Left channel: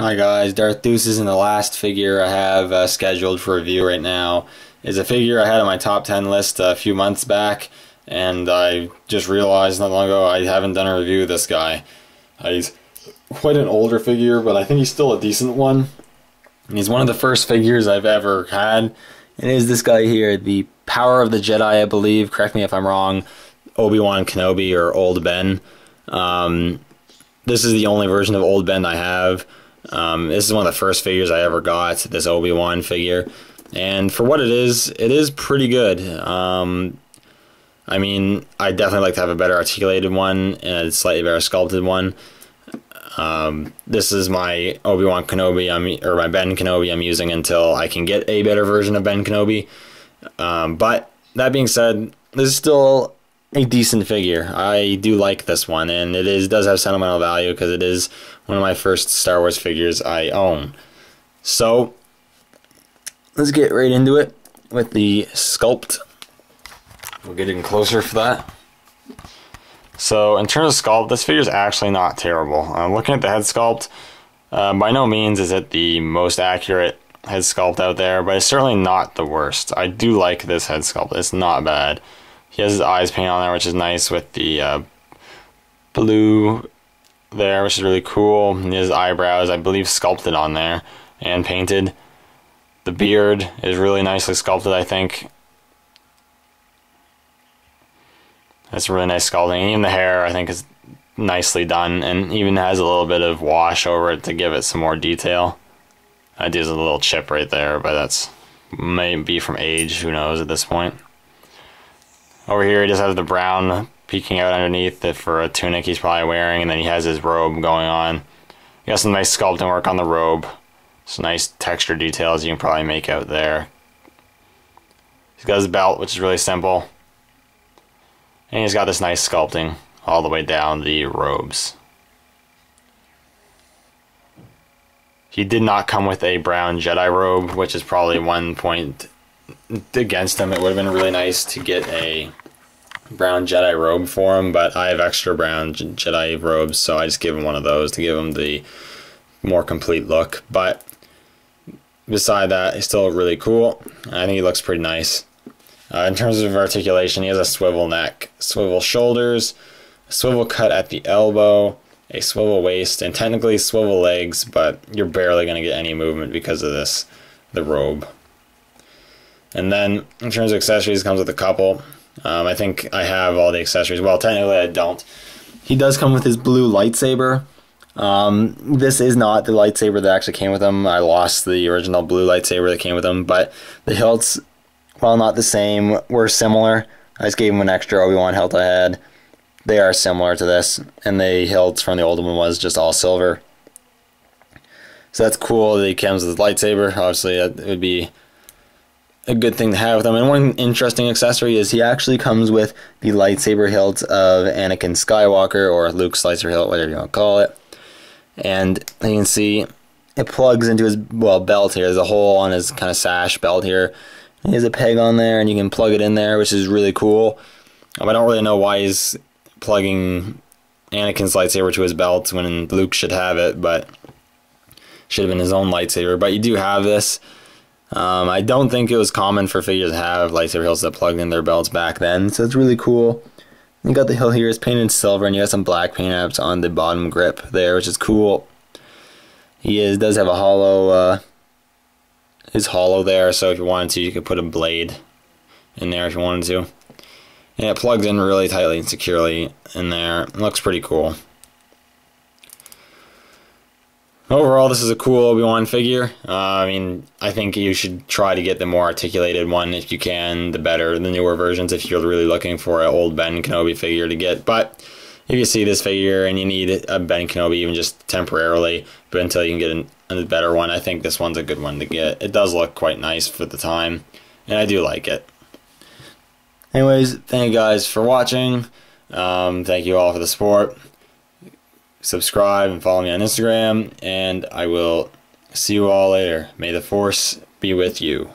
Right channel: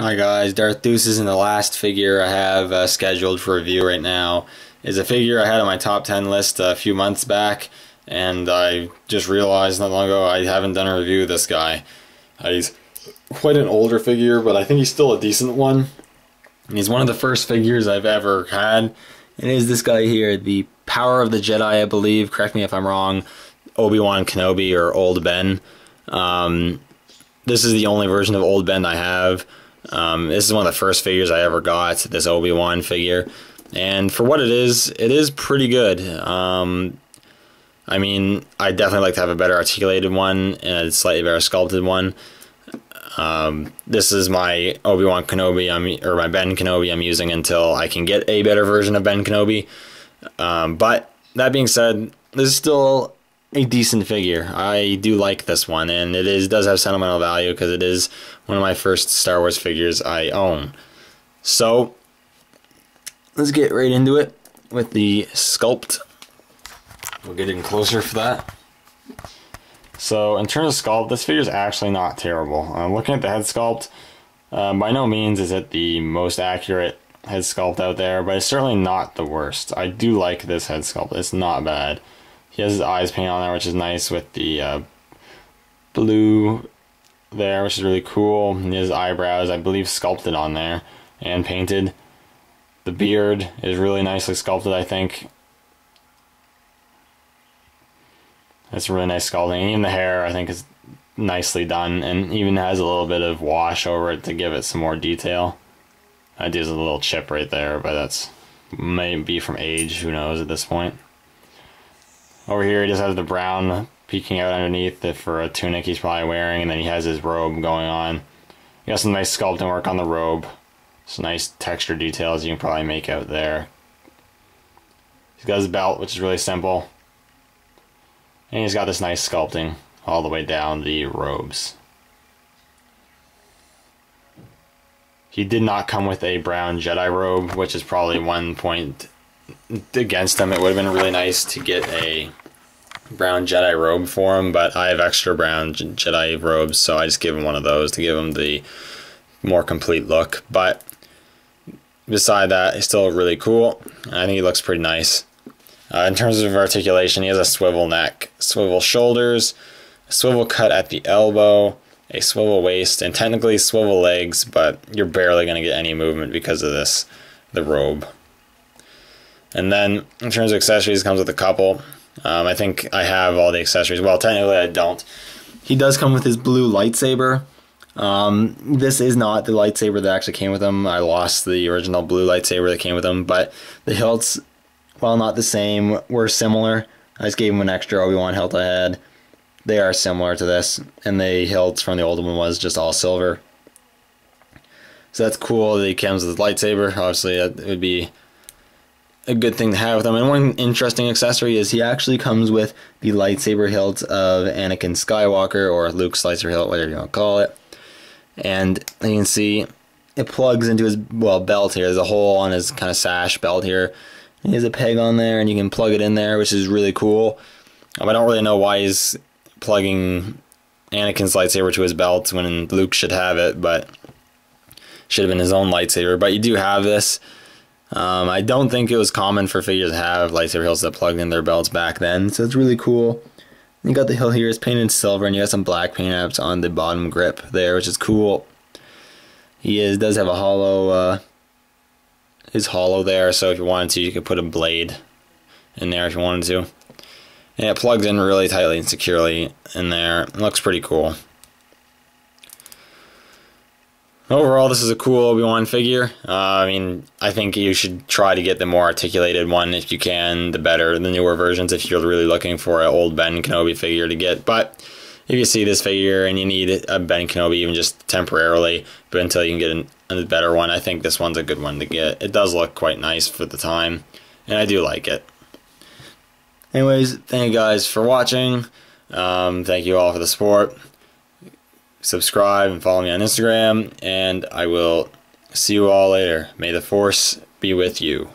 Hi guys, Darth Deuces, and the last figure I have scheduled for review right now is a figure I had on my top 10 list a few months back, and I just realized not long ago I haven't done a review of this guy. He's quite an older figure, but I think he's still a decent one. And he's one of the first figures I've ever had. And it is this guy here, the Power of the Jedi, I believe, correct me if I'm wrong, Obi-Wan Kenobi, or Old Ben. This is the only version of Old Ben I have. This is one of the first figures I ever got, this Obi-Wan figure, and for what it is pretty good. I mean, I'd definitely like to have a better articulated one and a slightly better sculpted one. This is my Obi-Wan Kenobi, or my Ben Kenobi I'm using until I can get a better version of Ben Kenobi. But that being said, this is still a decent figure. I do like this one, and it does have sentimental value because it is one of my first Star Wars figures I own. So let's get right into it with the sculpt. We'll get in closer for that. So in terms of sculpt, this figure is actually not terrible. Looking at the head sculpt, by no means is it the most accurate head sculpt out there, but it's certainly not the worst. I do like this head sculpt. It's not bad. He has his eyes painted on there, which is nice, with the blue there, which is really cool. And his eyebrows, I believe, sculpted on there and painted. The beard is really nicely sculpted, I think. That's a really nice sculpting. And even the hair, I think, is nicely done, and even has a little bit of wash over it to give it some more detail. There's a little chip right there, but that's maybe from age, who knows at this point. Over here, he just has the brown peeking out underneath it for a tunic he's probably wearing, and then he has his robe going on. He got some nice sculpting work on the robe. Some nice texture details you can probably make out there. He's got his belt, which is really simple. And he's got this nice sculpting all the way down the robes. He did not come with a brown Jedi robe, which is probably one point against him. It would have been really nice to get a brown Jedi robe for him, but I have extra brown Jedi robes, so I just give him one of those to give him the more complete look. But beside that, he's still really cool. I think he looks pretty nice. In terms of articulation, he has a swivel neck, swivel shoulders, a swivel cut at the elbow, a swivel waist, and technically swivel legs, but you're barely going to get any movement because of this, the robe. And then in terms of accessories, it comes with a couple. I think I have all the accessories. Well, technically I don't. He does come with his blue lightsaber. This is not the lightsaber that actually came with him. I lost the original blue lightsaber that came with him, but the hilts, while not the same, were similar. I just gave him an extra Obi-Wan hilt I had. They are similar to this, and the hilts from the old one was just all silver. So that's cool that he comes with his lightsaber. Obviously, it would be a good thing to have with him. And one interesting accessory is he actually comes with the lightsaber hilt of Anakin Skywalker, or Luke's lightsaber hilt, whatever you want to call it. And you can see it plugs into his, well, belt here. There's a hole on his kind of sash belt here. He has a peg on there, and you can plug it in there, which is really cool. I don't really know why he's plugging Anakin's lightsaber to his belt when Luke should have it, but should have been his own lightsaber. But you do have this. I don't think it was common for figures to have lightsaber hilts that plugged in their belts back then, so it's really cool. You got the hilt here, it's painted in silver, and you got some black paint apps on the bottom grip there, which is cool. He does have a hollow, is hollow there, so if you wanted to, you could put a blade in there if you wanted to. And it plugs in really tightly and securely in there. It looks pretty cool. Overall, this is a cool Obi-Wan figure. I mean, I think you should try to get the more articulated one if you can, the better, the newer versions, if you're really looking for an old Ben Kenobi figure to get. But if you see this figure and you need a Ben Kenobi even just temporarily, but until you can get a better one, I think this one's a good one to get. It does look quite nice for the time, and I do like it. Anyways, thank you guys for watching. Thank you all for the support. Subscribe and follow me on Instagram, and I will see you all later. May the Force be with you.